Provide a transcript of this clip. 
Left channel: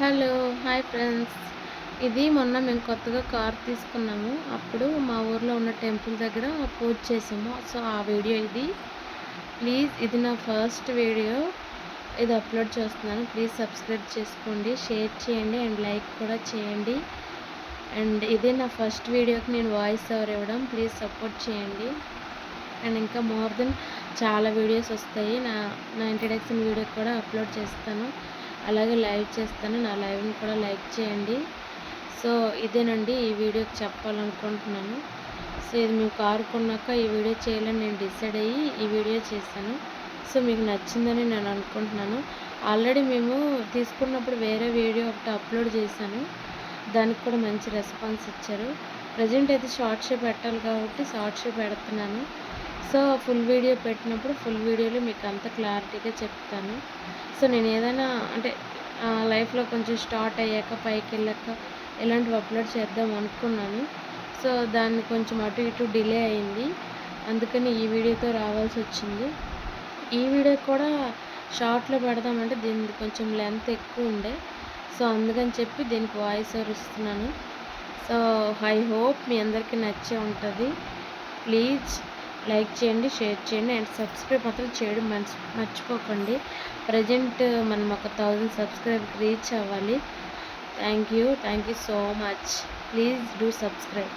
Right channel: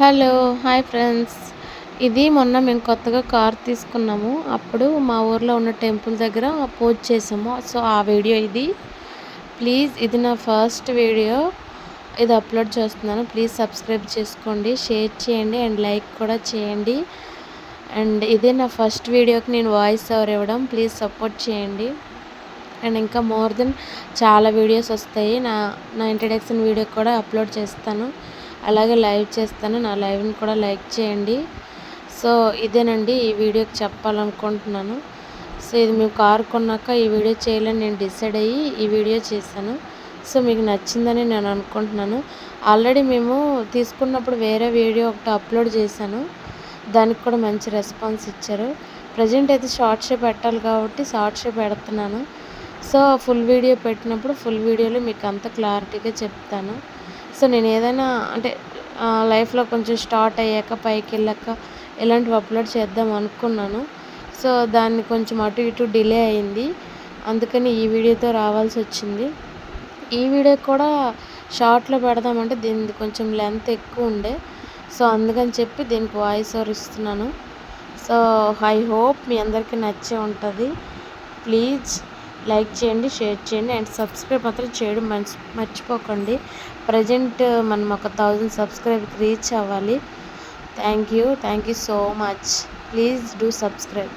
Hello! Hi friends. ఇది మొన్న మేము కొత్తగా కార్ తీసుకున్నాము. అప్పుడు మా ఊర్లో ఉన్న టెంపుల్ దగ్గర పూజ చేసాము. సో, ఆ వీడియో ఇది. ప్లీజ్ ఇది నా ఫస్ట్ వీడియో. ఇది అప్‌లోడ్ చేస్తున్నాను. ప్లీజ్ సబ్స్క్రైబ్ చేసుకోండి, షేర్ చేయండి అండ్ లైక్ కూడా చేయండి. అండ్ ఇదే నా ఫస్ట్ వీడియోకి నేను వాయిస్ ఓవర్ ఇవ్వడం. ప్లీజ్ సపోర్ట్ చేయండి. అండ్ ఇంకా మోర్ దెన్ చాలా వీడియోస్ వస్తాయి. నా ఇంట్రడక్షన్ వీడియో కూడా అప్‌లోడ్ చేస్తాను. అలాగే లైవ్ చేస్తాను. నా లైవ్‌ని కూడా లైక్ చేయండి. సో, ఇదేనండి ఈ వీడియోకి చెప్పాలనుకుంటున్నాను. సో, ఇది మేము కారు కొన్నాక ఈ వీడియో చేయాలని నేను డిసైడ్ అయ్యి ఈ వీడియో చేశాను. సో, మీకు నచ్చిందని నేను అనుకుంటున్నాను. ఆల్రెడీ మేము తీసుకున్నప్పుడు వేరే వీడియో ఒకటి అప్‌లోడ్ చేశాను. దానికి కూడా మంచి రెస్పాన్స్ ఇచ్చారు. ప్రెజెంట్ అయితే షార్ట్సే పెట్టాలి కాబట్టి షార్ట్సే పెడుతున్నాను. సో, ఫుల్ వీడియో పెట్టినప్పుడు ఫుల్ వీడియోలో మీకు అంత క్లారిటీగా చెప్తాను. సో, నేను ఏదైనా అంటే లైఫ్‌లో కొంచెం స్టార్ట్ అయ్యాక పైకెళ్ళాక ఇలాంటివి అప్‌లోడ్ చేద్దాం అనుకున్నాను. సో, దాన్ని కొంచెం అటు ఇటు డిలే అయింది. అందుకని ఈ వీడియోతో రావాల్సొచ్చింది. ఈ వీడియో కూడా షార్ట్‌లో పెడదామంటే దీనిది కొంచెం లెంత్ ఎక్కువ ఉండే. సో, అందుకని చెప్పి దీనికి వాయిస్ ఓవర్ ఇస్తున్నాను. సో, ఐ హోప్ మీ అందరికీ నచ్చే ఉంటది. ప్లీజ్ లైక్ చేయండి, షేర్ చేయండి అండ్ సబ్స్క్రైబ్ మాత్రం చేయడం మర్చిపోకండి. ప్రెజెంట్ మనం ఒక 1000 సబ్స్క్రైబర్‌కి రీచ్ అవ్వాలి. Thank you so much. Please do subscribe.